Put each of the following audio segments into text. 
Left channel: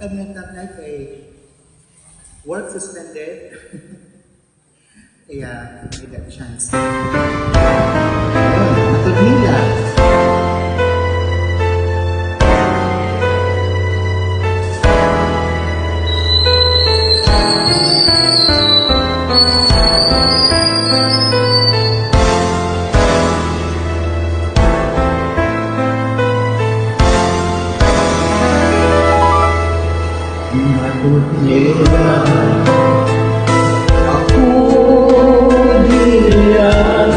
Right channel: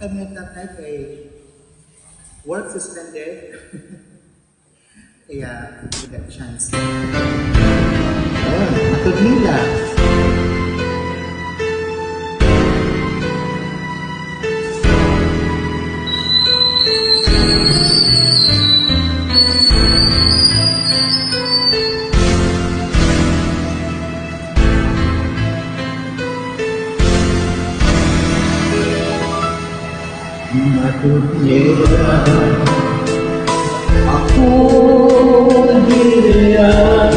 kami nag-night ay work suspended. Kaya, we got chance. Ayun, matod nila. Matod nila ako diyan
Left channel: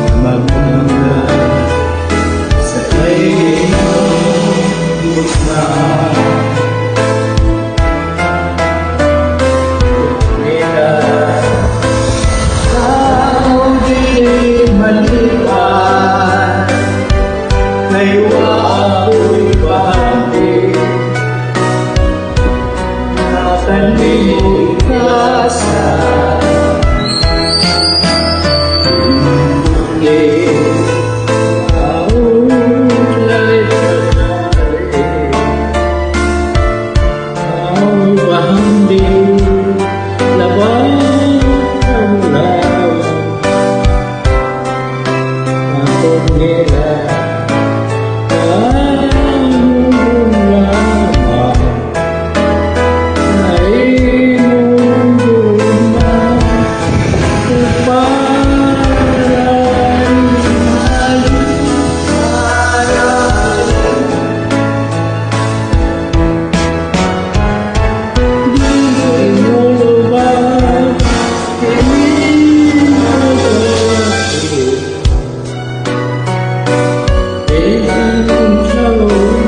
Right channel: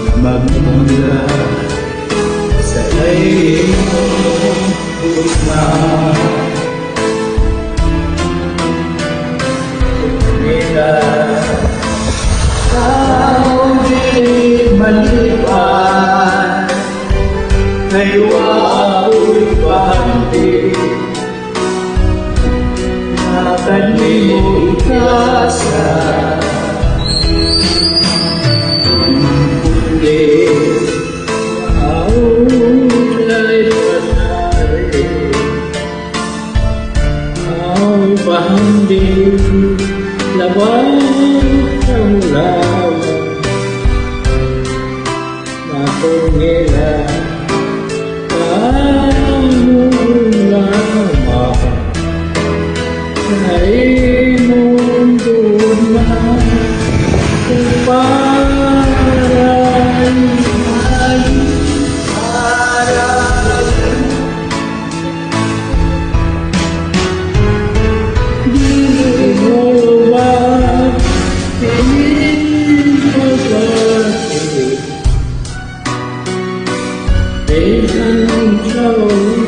na magmula sa iyong gitna. Nila tao di malipan, kayo ako'y bahagi na kanimo ikasa. Mangkuli aulay panay, ao'y bahagi labaw kamulawan. Matod nila kanong lamang sa imong duman, uparay di mo lubag ining pagkakit. Isang shalom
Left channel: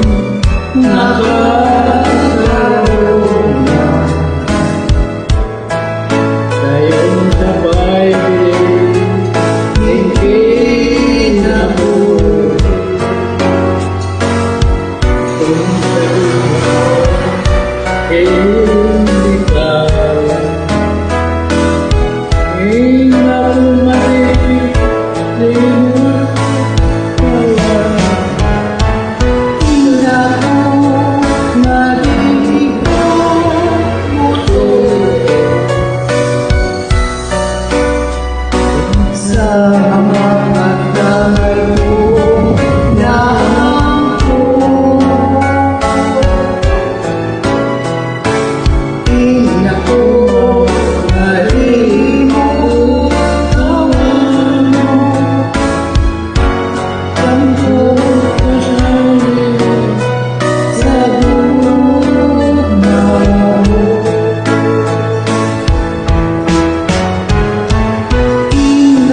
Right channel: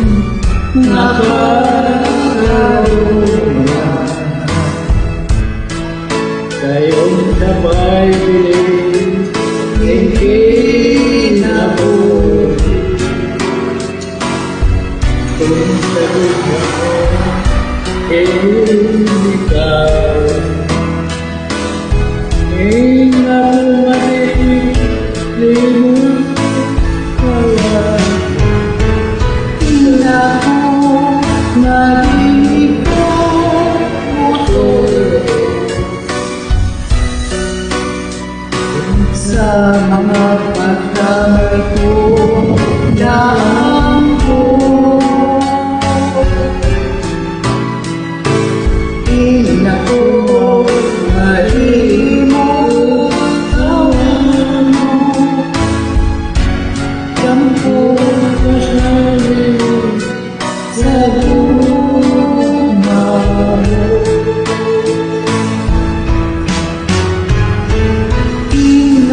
nakakaroon na kayong sabay bilin ng kinabuti. Kung sa dugo iyong ligawan, inapumati di mo kaya. Ako naging muto sa mga pagdamay ko na ako. Ako naging mo kawan mo Tampo kasali sa gugma mo.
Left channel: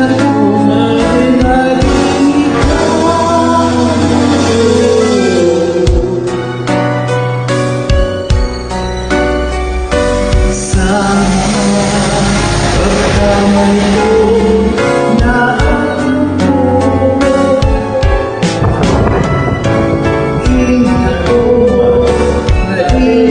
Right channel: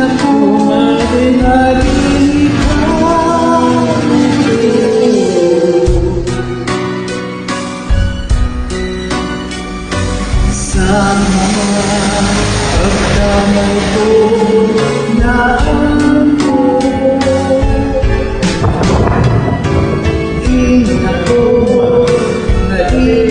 Ako naging ikaw sa mga pagdamay ko na ako. Ako naging